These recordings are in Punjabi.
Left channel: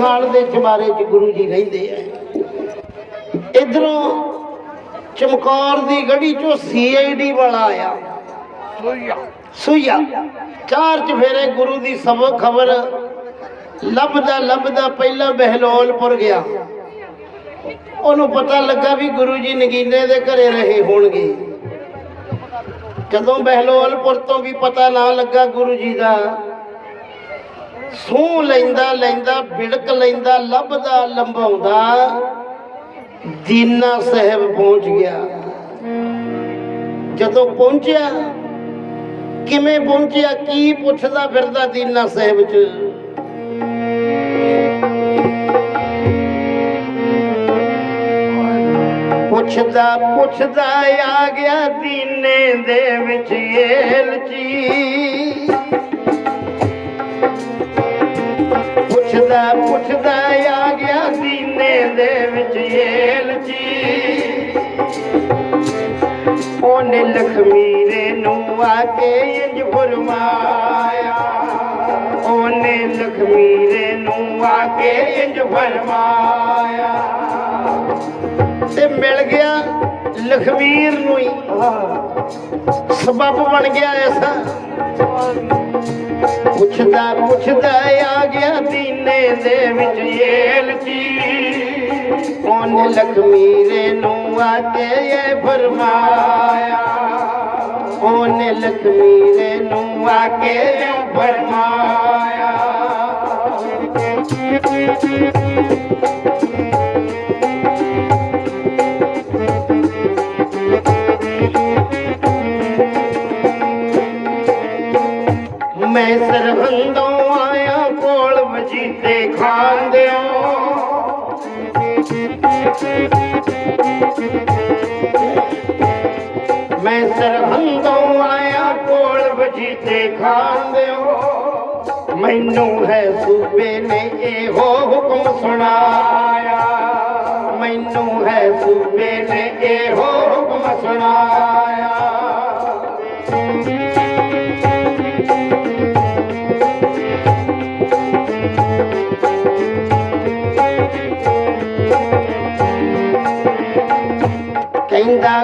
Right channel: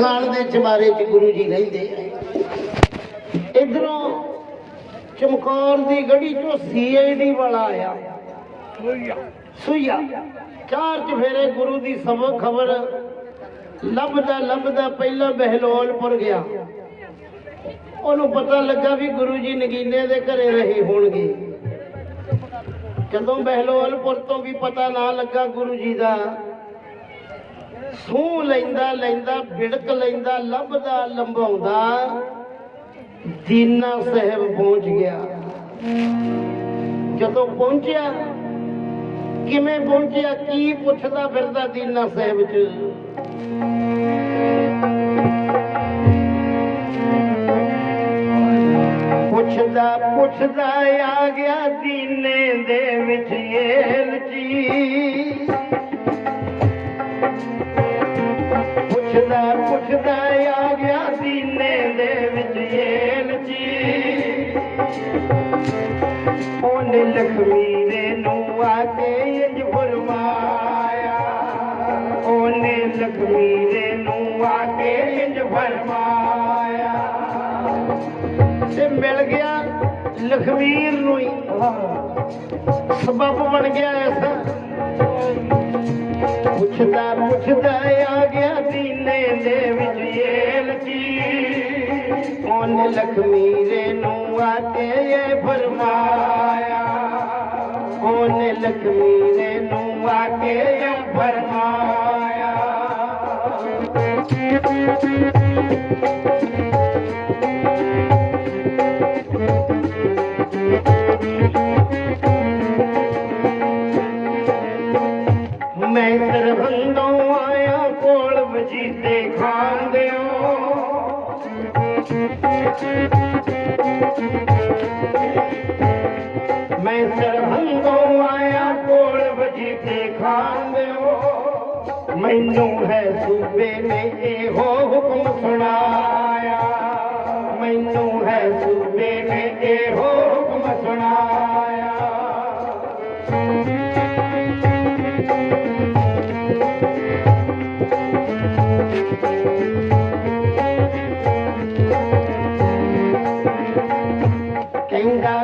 ਖਾਲ ਦੇ ਚਬਾਰੇ 'ਚ ਗੁਰੂ ਜੀ ਰਹਿੰਦੇ ਆ। ਇਧਰੋਂ ਚਮਕੌਰ ਦੀ ਗੜੀ 'ਚੋਂ ਸੀਆਈਡੀ ਵਾਲਾ ਆਇਆ। ਸੁਈਆ। ਚਾਰ ਚਫੇਰੇ ਗੁਰੂ ਦੀ ਸਭ ਖਬਰ ਲੱਭਦਾ ਲੱਭਦਾ ਪਹਿਲਾਂ ਬਹਿਲੋਲਪੁਰ ਗਿਆ। ਉਹਨੂੰ ਪਤਾ ਲੱਗਾ ਵੀ ਗੁਰੂ ਜੀ ਨਗੀਨੇ ਦੇ ਘਰੇ ਰਹੇ ਹੋਣਗੇ। ਜਦੋਂ ਬਹਿਲੋਲਪੁਰ ਤੋਂ ਵੀ ਪਤਾ ਨਾ ਲੱਗਾ ਗੁਰੂ ਜੀ ਦਾ ਸੂ ਲੈਂਦਾ ਲੈਂਦਾ, ਬਿੜਕ ਲੈਂਦਾ, ਲੱਭਦਾ, ਲੰਬਾਉਂਦਾ। ਦੀਨਾ ਸਾਹਿਬ ਪਹੁੰਚ ਗਿਆ। ਜਦੋਂ ਪਹੁੰਚਿਆ, ਕਿਵੇਂ ਪਹੁੰਚਿਆ, ਕੀ ਪੁੱਛਦਾ ਫਿਰਦਾ ਦੀਨਾ ਸਾਹਿਬ ਚ? ਪੁੱਛਦਾ ਪੁੱਛਦਾ, ਆ ਗਿਆ ਦੀਨੇ ਦੇ ਵਿੱਚ ਏਲਚੀ ਪੁੱਛਦਾ ਪੁੱਛਦਾ ਆ ਗਿਆ ਦੀਨੇ ਦੇ ਵਿੱਚ ਏਲਚੀ ਉਹਨੇ ਲਖਮੀਰੇ ਨੂੰ ਆ ਕੇ ਇੰਜ ਫਰਮਾਇਆ। ਉਹਨੇ ਲਖਮੀਰੇ ਨੂੰ ਆ ਕੇ ਇੰਜ ਫਰਮਾਇਆ। ਤੇ ਮਿਲ ਗਿਆ ਲਖਮੀਰ ਨੂੰ ਹੀ। ਸਬਬ ਬਣ ਗਿਆ ਐਸਾ ਪੁੱਛਦਾ ਪੁੱਛਦਾ ਆ ਗਿਆ ਦੀਨੇ ਦੇ ਵਿੱਚ ਏਲਚੀ ਉਹਨੇ ਲਖਮੀਰੇ ਨੂੰ ਆ ਕੇ ਇਹ ਫਰਮਾਇਆ? ਉਹਨੇ ਲਖਮੀਰੇ ਨੂੰ ਆ ਕੇ ਇਹ ਫਰਮਾਇਆ? ਮੈਂ ਸਰਹੰਦੋਂ ਆਇਆ ਕੋਲ ਵਜੀਤੇ ਖਾਂਦੇ ਹੋ ਮੈਨੂੰ ਹੈ ਸੂਬੇ ਨੇ ਇਹੋ ਹੁਕਮ ਸੁਣਾਇਆ। ਮੈਨੂੰ ਹੈ ਸੂਬੇ ਨੇ ਇਹੋ ਹੁਕਮ ਸੁਣਾਇਆ।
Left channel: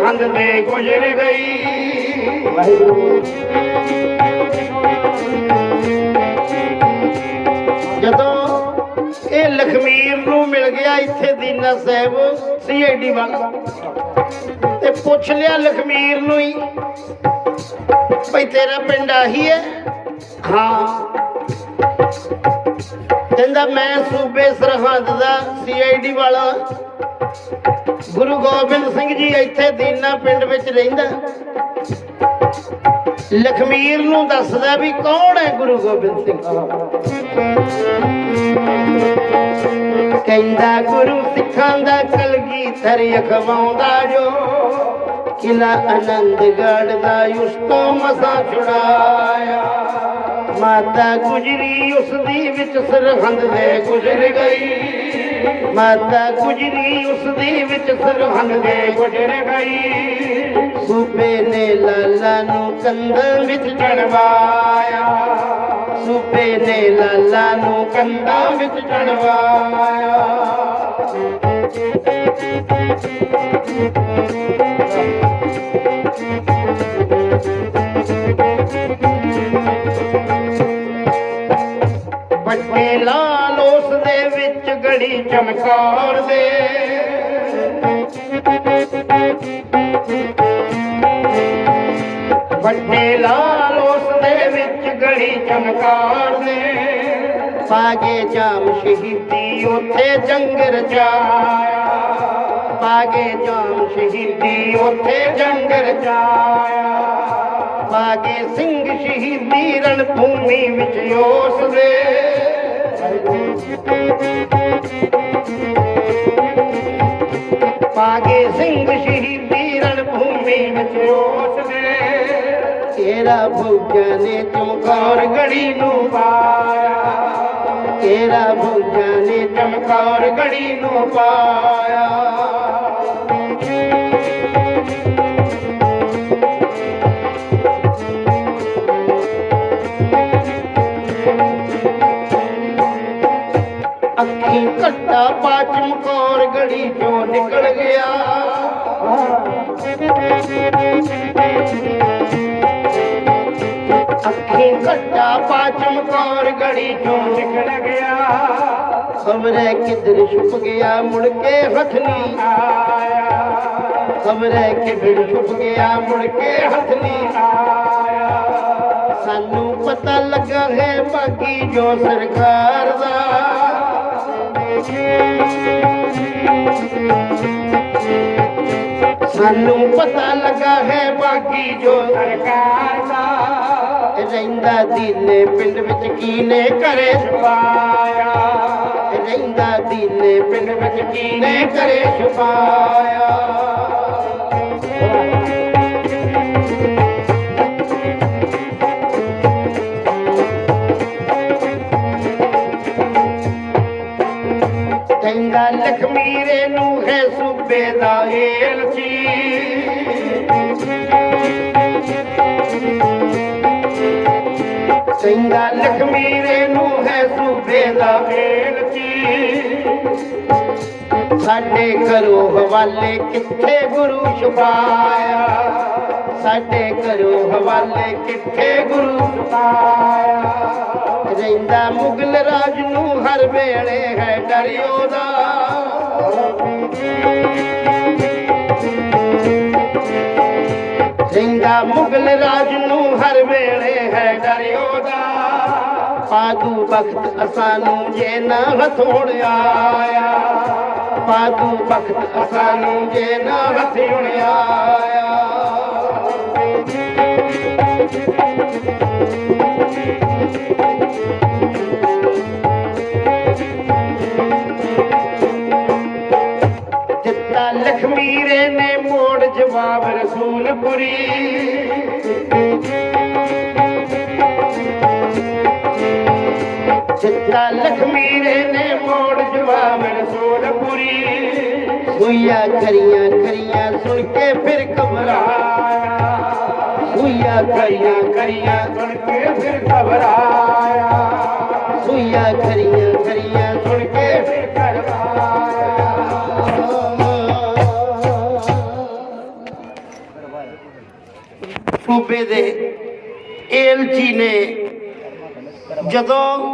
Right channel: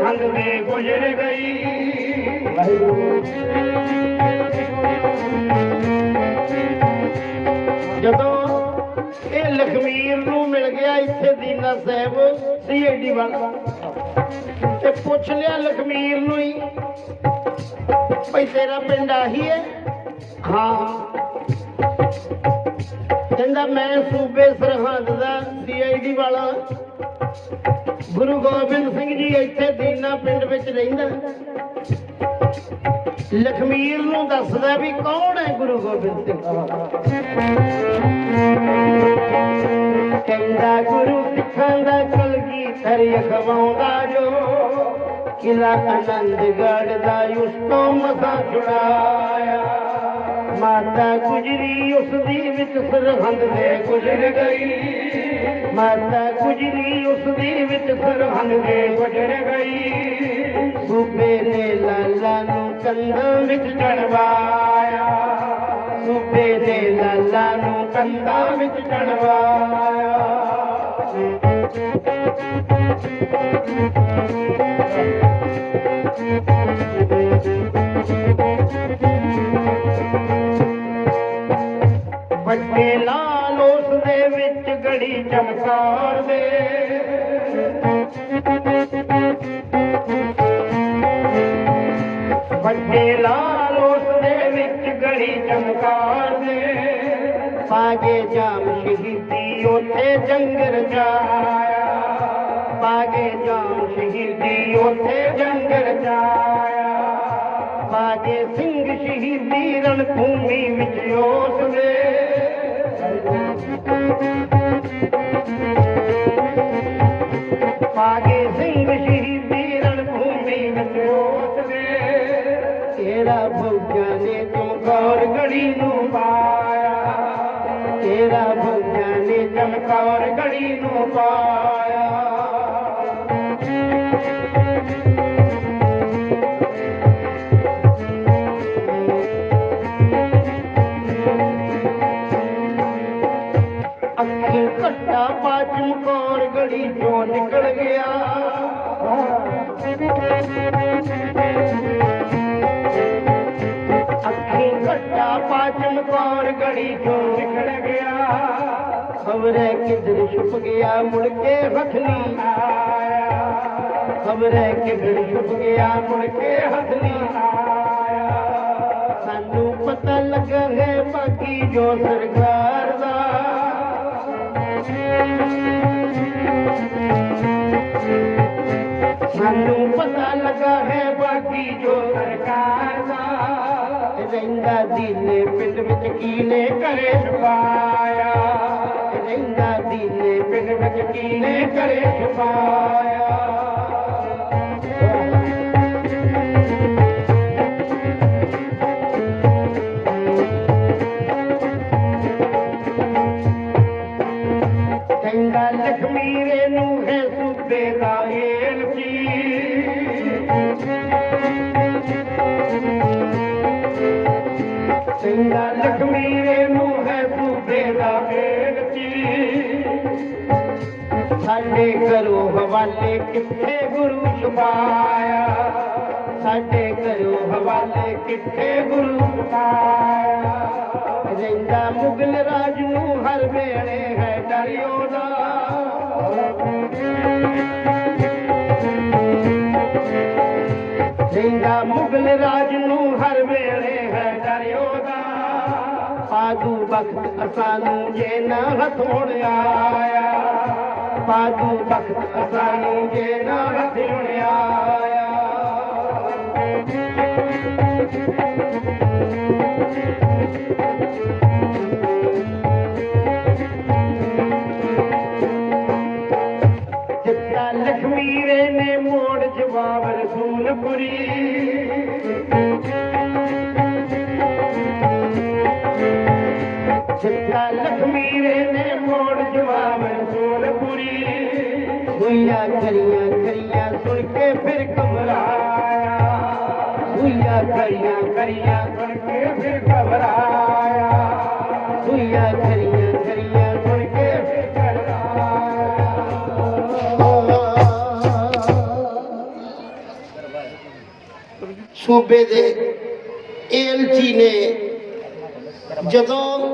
ਵਿੱਚ ਸਰਹੰਦ ਗੁਜ਼ਰ ਗਈ। ਜਦੋਂ ਇਹ ਲਖਮੀਰ ਨੂੰ ਮਿਲ ਗਿਆ ਇੱਥੇ ਦੀਨਾ ਸਾਹਿਬ, ਸੀਆਈਡੀ ਵਾਲਾ। ਤੇ ਪੁੱਛ ਲਿਆ ਲਖਮੀਰ ਨੂੰ ਹੀ ਭਈ ਤੇਰਾ ਪਿੰਡ ਆਹੀ ਹੈ? ਹਾਂ। ਕਹਿੰਦਾ, ਮੈਂ ਸੂਬੇ ਸਰਹੰਦ ਦਾ ਸੀਆਈਡੀ ਵਾਲਾ। ਗੁਰੂ ਗੋਬਿੰਦ ਸਿੰਘ ਜੀ ਇੱਥੇ ਦੀਨਾ ਪਿੰਡ ਵਿੱਚ ਰਹਿੰਦਾ। ਲਖਮੀਰ ਨੂੰ ਦੱਸਦਾ ਵੀ ਕੌਣ ਹੈ ਗੁਰੂ ਗੋਬਿੰਦ ਸਿੰਘ? ਕਹਿੰਦਾ ਗੁਰੂ ਸਿੱਖਾਂ ਦਾ ਕਲਗੀ ਧਰ ਅਖਵਾਉਂਦਾ ਜੋ ਕਿਲਾ ਆਨੰਦਗੜ੍ਹ ਦਾ ਉਸ ਤੋਂ ਮਸਾ ਛੁਡਾਇਆ। ਮਾਤਾ ਗੁਜਰੀ ਉਸ ਦੀ ਵਿੱਚ ਸਰਹੰਦ ਦੇ ਗੁਜ਼ਰ ਗਈ। ਮਾਤਾ ਗੁਜਰੀ ਉਸ ਦੀ ਵਿੱਚ ਸਰਹੰਦ ਦੇ ਗੁਜ਼ਰ ਗਈ। ਸੂਬੇ ਨੇ ਲਾਲਾ ਨੂੰ ਕੰਧਾਂ ਵਿੱਚ ਚੜਵਾਇਆ। ਸੂਬੇ ਨੇ ਲਾਲਾ ਨੂੰ ਕੰਧਾਂ ਵਿੱਚ ਚੜਵਾਇਆ। ਵੱਡੇ ਲਾਲ ਉਸ ਦੇ ਵਿੱਚ ਗਲੀ ਚਮਕਾਰ ਦੇ ਪਾਗੇ ਜਾਮ ਸ਼ਹੀਦੀ, ਉੱਥੇ ਜੰਗ ਰਚਾਇਆ ਪਾਗੇ ਜਾਮ ਸ਼ਹੀਦੀ, ਉੱਥੇ ਜੰਗ ਰਚਾਇਆ ਪਾਗੇ ਸਿੰਘ ਸ਼ਹੀਦੀ ਰਣ ਭੂਮੀ ਵਿੱਚ ਉਸ ਦੇ ਪਾਗੇ ਸਿੰਘ ਸ਼ਹੀਦੀ ਰਣ ਭੂਮੀ ਉਸ ਦੇ ਤੇਰਾ ਭੁੱਜਾਂ ਨੇ ਚਮਕੌਰ ਗੜੀ ਨੂੰ ਪਾਇਆ। ਤੇਰਾ ਭੁੱਜਾਂ ਨੇ ਚਮਕੌਰ ਗੜੀ ਨੂੰ ਪਾਇਆ। ਚਮਕੌਰ ਚੋਂ ਨਿਕਲ ਗਿਆ। ਖਬਰੇ ਕਿਧਰ ਛੁਪ ਗਿਆ ਮੁੜ ਕੇ ਹੱਥ ਨਹੀਂ ਆਇਆ ਖਬਰੇ ਕਿਧਰ ਛੁਪ ਗਿਆ ਮੁੜ ਕੇ ਹੱਥ ਨਹੀਂ ਆਇਆ ਸਾਨੂੰ ਪਤਾ ਲੱਗਾ ਹੈ ਬਾਕੀ ਜੋ ਸਰਕਾਰ ਦਾ। ਸਾਨੂੰ ਪਤਾ ਲੱਗਾ ਹੈ ਬਾਕੀ ਜੋ ਸਰਕਾਰ ਦਾ। ਰਹਿੰਦਾ ਦੀਨੇ ਪਿੰਡ ਵਿੱਚ ਕੀਨੇ ਕਰੇ ਛੁਪਾਇਆ? ਰਹਿੰਦਾ ਦੀਨੇ ਪਿੰਡ ਵਿੱਚ ਕੀਨੇ ਕਰੇ ਛੁਪਾਇਆ? ਕਹਿੰਦਾ ਲਖਮੀਰੇ ਨੂੰ ਹੈ ਸੂਬੇ ਦਾ ਏਲਚੀ ਸਾਡੇ ਘਰੋਂ ਹਵਾਲੇ ਕਿੱਥੇ ਗੁਰੂ ਛੁਪਾਇਆ? ਸਾਡੇ ਘਰੋਂ ਹਵਾਲੇ ਕਿੱਥੇ ਗੁਰੂ ਛੁਪਾਇਆ? ਰਹਿੰਦਾ ਮੁਗਲ ਰਾਜ ਨੂੰ ਹਰ ਵੇਲੇ ਹੈ ਡਰਿਓ ਦਾ ਪਾਦੂ ਬਖਤ ਅਸਾਂ ਨੂੰ ਜੇ ਨਾ ਹਥੋੜ ਆਇਆ। ਪਾਦੂ ਬਖਤ ਅਸਾਂ ਜੇ ਨਾ ਹਥੋੜ ਆਇਆ। ਦਿੱਤਾ ਦਿੱਤਾ ਲਖਮੀਰੇ ਨੇ ਮੋੜ ਜਵਾਬ ਰਸੂਲਪੁਰੀ। ਸੁਈਆ ਖਰੀਆਂ ਖਰੀਆਂ ਸੁਣ ਕੇ ਫਿਰ ਘਬਰਾਇਆ। ਸੁਈਆ ਖਰੀਆਂ ਖਰੀਆਂ ਸੁਣ ਕੇ ਫਿਰ ਘਬਰਾਇਆ। ਸੁਈਆ ਖਰੀਆਂ ਖਰੀਆਂ ਸੁਣ ਕੇ ਫਿਰ ਘਬਰਾਇਆ। ਸੂਬੇ ਦੇ ਏਲਚੀ ਨੇ ਜਦੋਂ